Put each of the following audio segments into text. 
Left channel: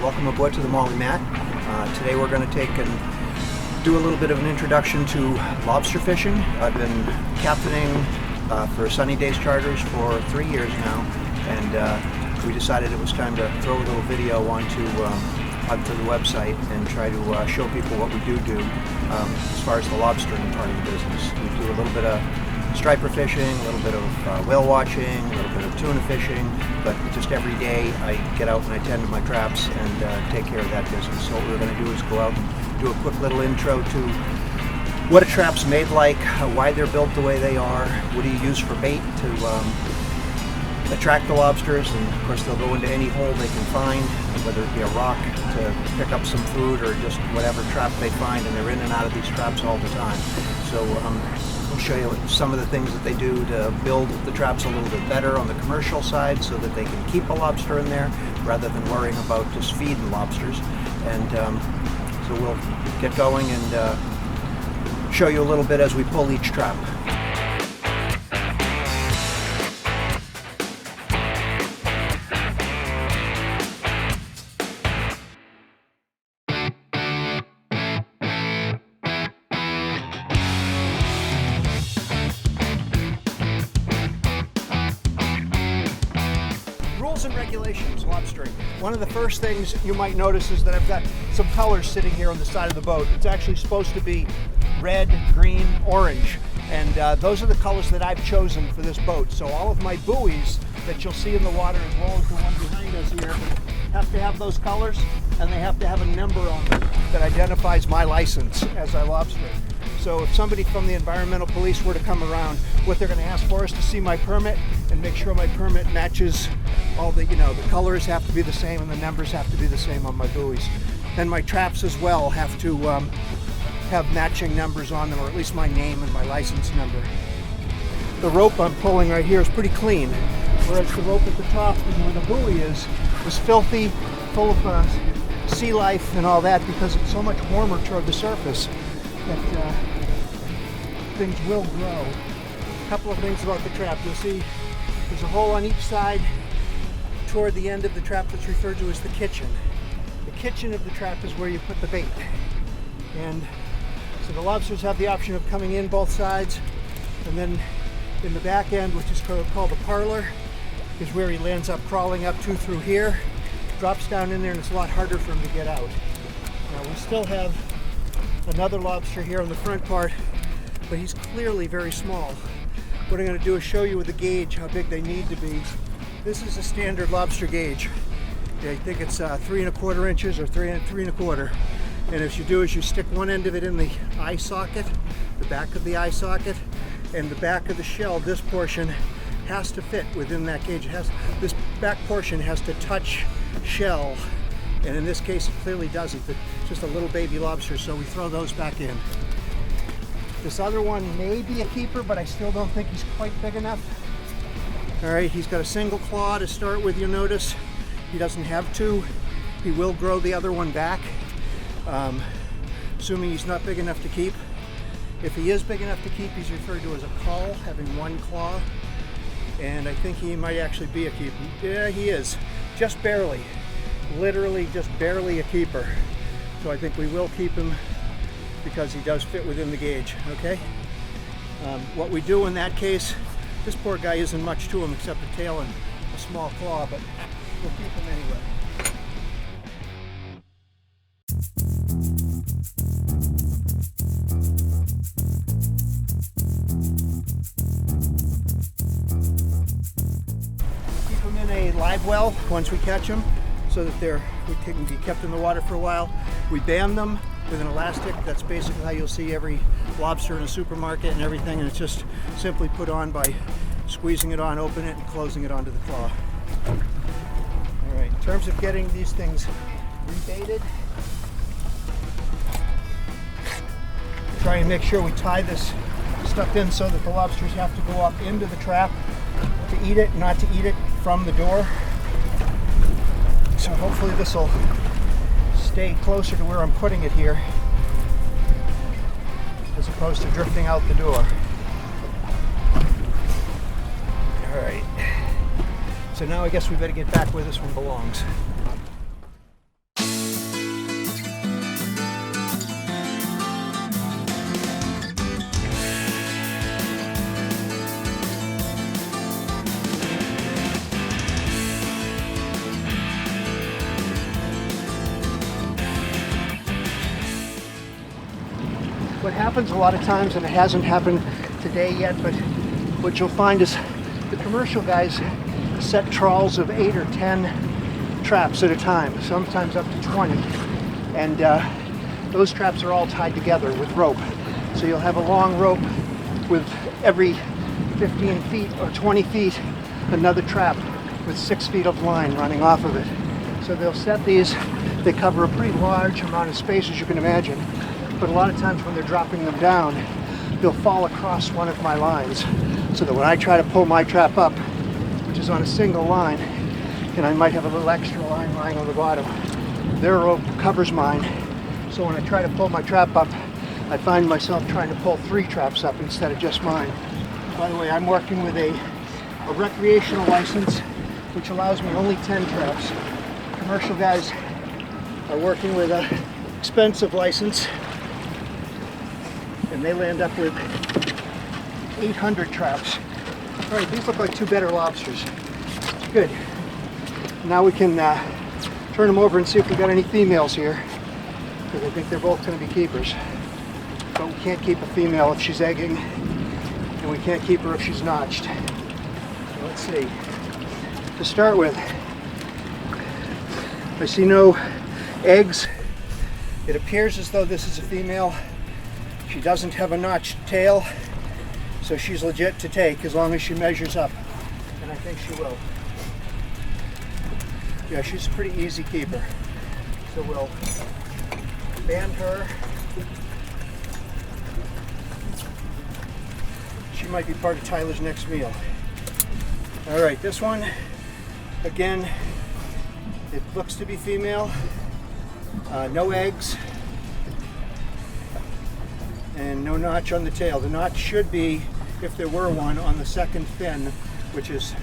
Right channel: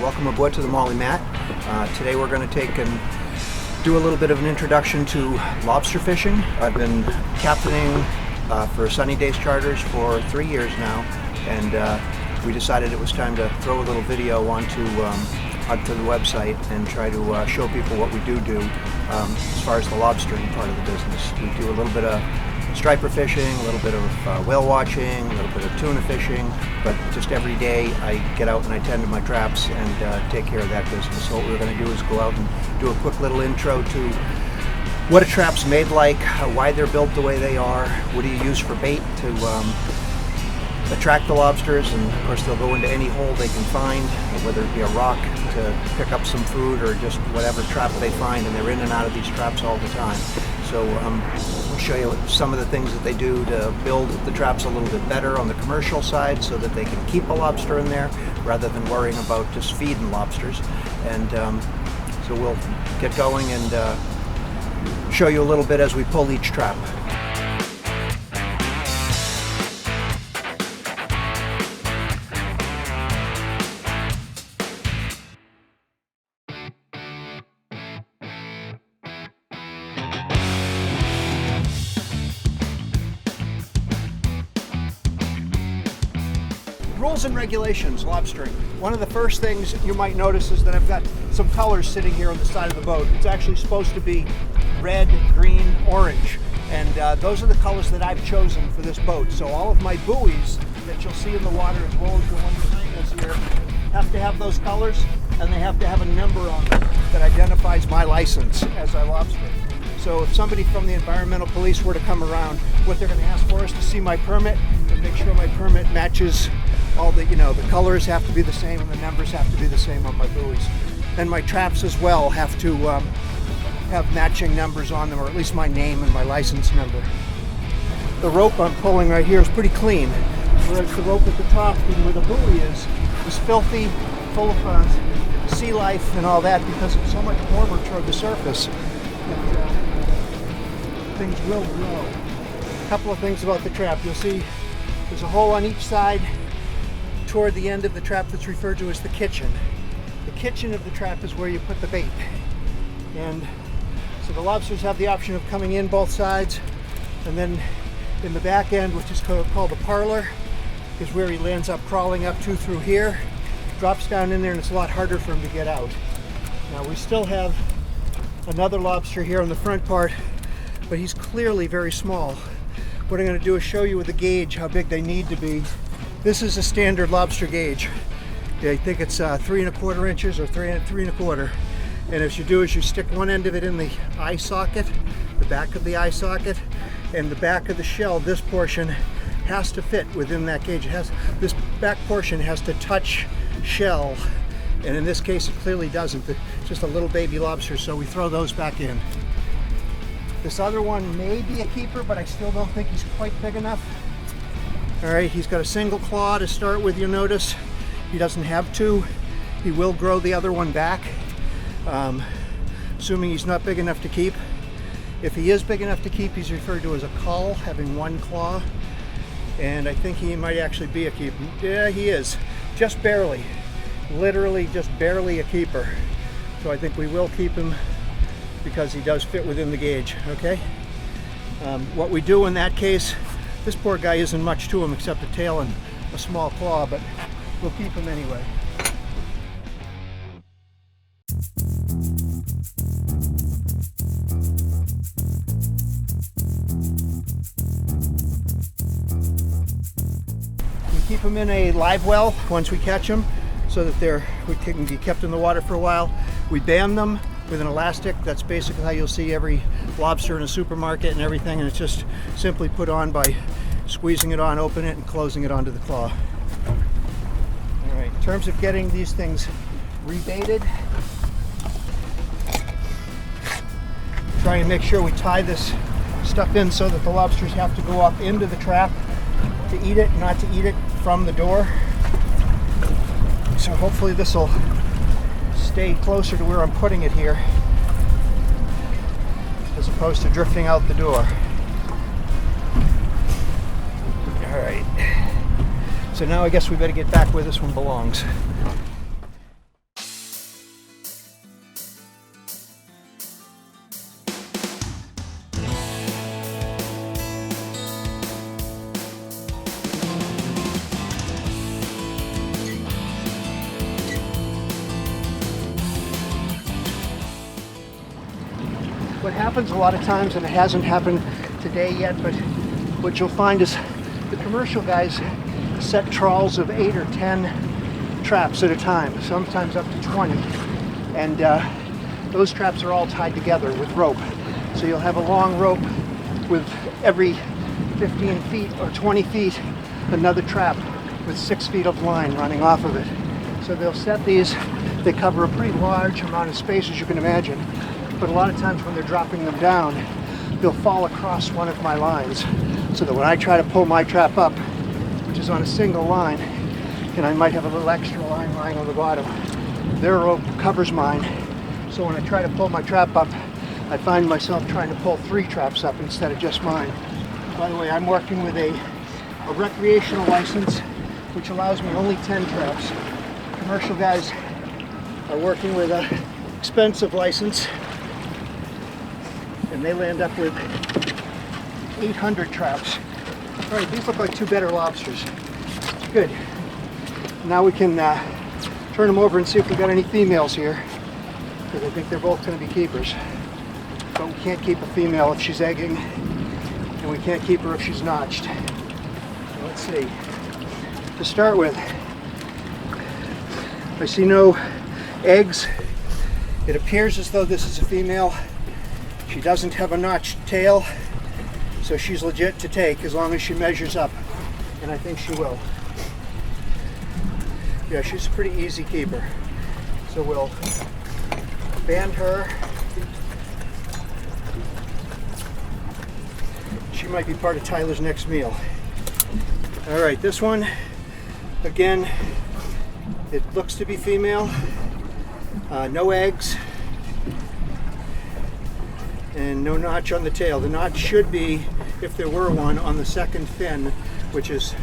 Welcome aboard to the Mollie Matt. Today we're going to take and do a little bit of an introduction to lobster fishing. I've been captaining for Sunny Days Charters for 3 years now, and we decided it was time to throw a little video onto the website and try to show people what we do as far as the lobstering part of the business. We do a little bit of striper fishing, a little bit of whale watching, a little bit of tuna fishing, but just every day I get out and I tend to my traps and take care of that business. So what we're going to do is go out and do a quick little intro to what a trap's made like, why they're built the way they are, what do you use for bait to attract the lobsters, and of course they'll go into any hole they can find, whether it be a rock to pick up some food or just whatever trap they find, and they're in and out of these traps all the time. So we'll show you some of the things that they do to build the traps a little bit better on the commercial side so that they can keep a lobster in there rather than worrying about just feeding lobsters. And so we'll get going and show you a little bit as we pull each trap. Rules and regulations, lobstering. One of the first things you might notice is that I've got some colors sitting here on the side of the boat. It's actually supposed to be red, green, orange, and those are the colors that I've chosen for this boat. So all of my buoys that you'll see in the water, as well as the one behind us here, have to have those colors, and they have to have a number on them that identifies my license as I lobster. So if somebody from the environmental police were to come around, what they're going to ask for is to see my permit and make sure my permit matches all the, the colors have to be the same and the numbers have to be the same on my buoys. And my traps as well have to have matching numbers on them, or at least my name and my license number. The rope I'm pulling right here is pretty clean, whereas the rope at the top where the buoy is filthy, full of sea life and all that, because it's so much warmer toward the surface that things will grow. A couple of things about the trap. You'll see there's a hole on each side toward the end of the trap that's referred to as the kitchen. The kitchen of the trap is where you put the bait. And so the lobsters have the option of coming in both sides, and then in the back end, which is called the parlor, is where he lands up crawling up to through here, drops down in there, and it's a lot harder for him to get out. Now we still have another lobster here on the front part, but he's clearly very small. What I'm going to do is show you with a gauge how big they need to be. This is a standard lobster gauge. I think it's 3 1/4 inches or 3 1/4. And what you do is you stick one end of it in the eye socket, the back of the eye socket, and the back of the shell, this portion has to fit within that gauge. This back portion has to touch shell, and in this case it clearly doesn't. It's just a little baby lobster, so we throw those back in. This other one may be a keeper, but I still don't think he's quite big enough. All right, he's got a single claw to start with, you'll notice. He doesn't have two. He will grow the other one back, assuming he's not big enough to keep. If he is big enough to keep, he's referred to as a cull, having one claw. And I think he might actually be a keeper. Yeah, he is, just barely. Literally just barely a keeper. So I think we will keep him because he does fit within the gauge, okay? What we do in that case, this poor guy isn't much to him except a tail and a small claw, but we'll keep him anyway. We keep them in a live well once we catch them, so that we can be kept in the water for a while. We band them with an elastic. That's basically how you'll see every lobster in a supermarket and everything, and it's just simply put on by squeezing it on, open it, and closing it onto the claw. All right, in terms of getting these things rebaited, try and make sure we tie this stuff in so that the lobsters have to go up into the trap to eat it, not to eat it from the door. So hopefully this will stay closer to where I'm putting it here, as opposed to drifting out the door. All right. So now I guess we better get back where this one belongs. happens a lot of times, and it hasn't happened today yet, but what you'll find is the commercial guys set trawls of 8 or 10 traps at a time, sometimes up to 20. And those traps are all tied together with rope. So you'll have a long rope with every 15 feet or 20 feet, another trap with 6 feet of line running off of it. So they'll set these, they cover a pretty large amount of space, as you can imagine, but a lot of times when they're dropping them down, they'll fall across one of my lines, so that when I try to pull my trap up, which is on a single line, and I might have a little extra line lying on the bottom, their rope covers mine. So when I try to pull my trap up, I find myself trying to pull 3 traps up instead of just mine. By the way, I'm working with a recreational license, which allows me only 10 traps. Commercial guys are working with an expensive license, and they land up with 800 traps. All right, these look like 2 better lobsters. Good. Now we can turn them over and see if we got any females here, because I think they're both going to be keepers. But we can't keep a female if she's egging, and we can't keep her if she's notched. So let's see. To start with, I see no eggs. It appears as though this is a female. She doesn't have a notched tail, so she's legit to take as long as she measures up, and I think she will. Yeah, she's a pretty easy keeper. So we'll band her. She might be part of Tyler's next meal. All right, this one, again, it looks to be female. No eggs. And no notch on the tail. The notch should be, if there were one, on the second fin, which is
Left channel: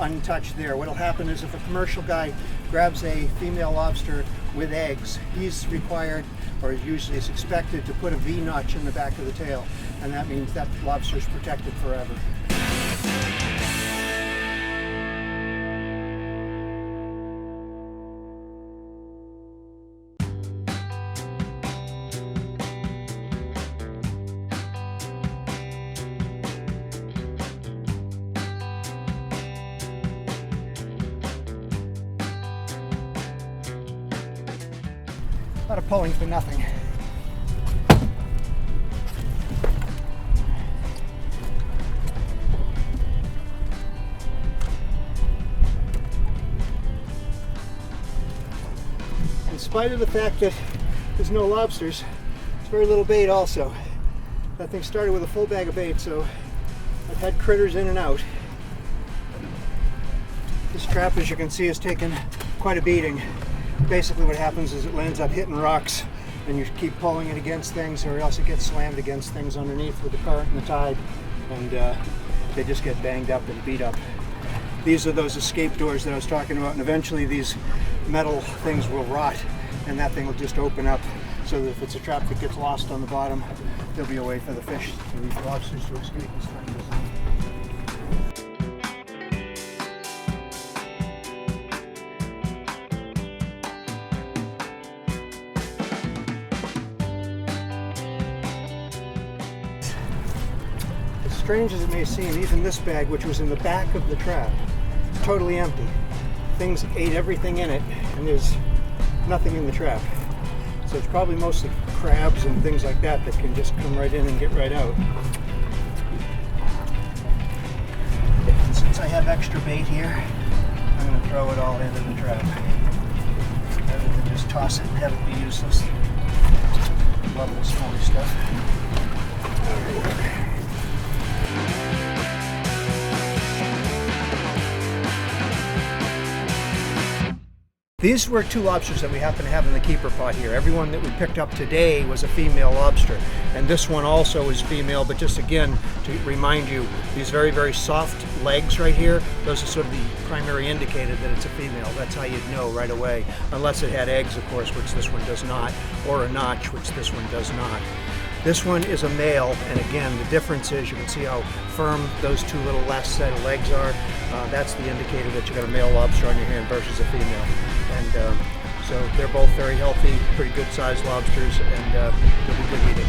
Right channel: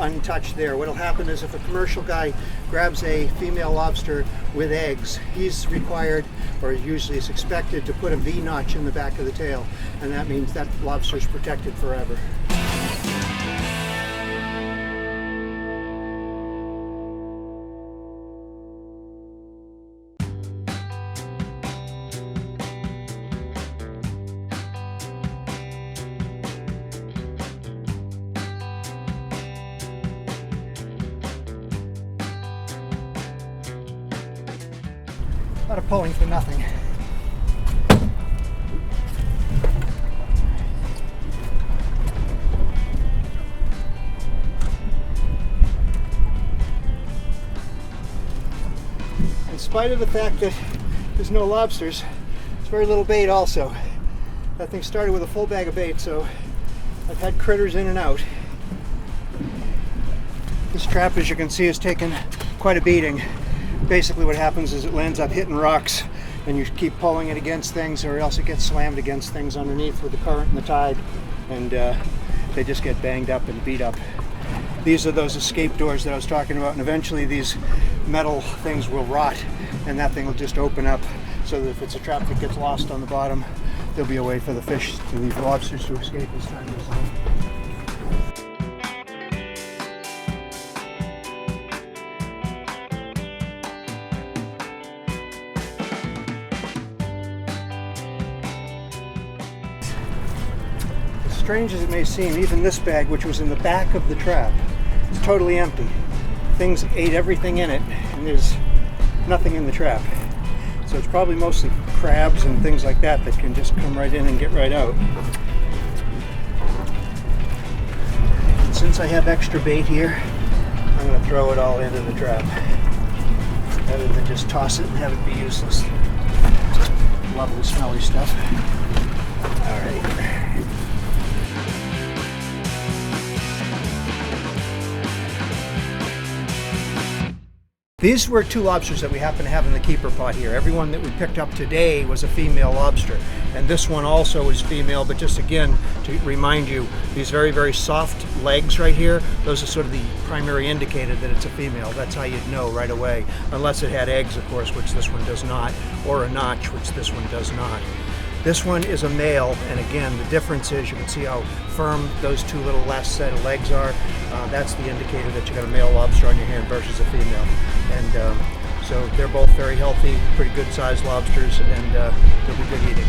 untouched there. What'll happen is if a commercial guy grabs a female lobster with eggs, he's required, or usually is expected, to put a V notch in the back of the tail, and that means that lobster's protected forever. A lot of pulling for nothing. In spite of the fact that there's no lobsters, there's very little bait also. That thing started with a full bag of bait, so I've had critters in and out. This trap, as you can see, has taken quite a beating. Basically what happens is it lands up hitting rocks, and you keep pulling it against things, or else it gets slammed against things underneath with the current and the tide, and they just get banged up and beat up. These are those escape doors that I was talking about, and eventually these metal things will rot, and that thing will just open up, so that if it's a trap that gets lost on the bottom, there'll be a way for the fish and these lobsters to escape as time goes on. Strange as it may seem, even this bag, which was in the back of the trap, is totally empty. Things ate everything in it, and there's nothing in the trap. So it's probably mostly crabs and things like that that can just come right in and get right out. And since I have extra bait here, I'm going to throw it all into the trap, rather than just toss it and have it be useless. Love the smelly stuff. All right. These were 2 lobsters that we happen to have in the keeper pot here. Everyone that we picked up today was a female lobster. And this one also is female, but just again, to remind you, these very, very soft legs right here, those are sort of the primary indicator that it's a female. That's how you'd know right away. Unless it had eggs, of course, which this one does not, or a notch, which this one does not. This one is a male, and again, the difference is you can see how firm those 2 little last set of legs are. That's the indicator that you got a male lobster on your hand versus a female. And so they're both very healthy, pretty good sized lobsters, and they'll be good eating.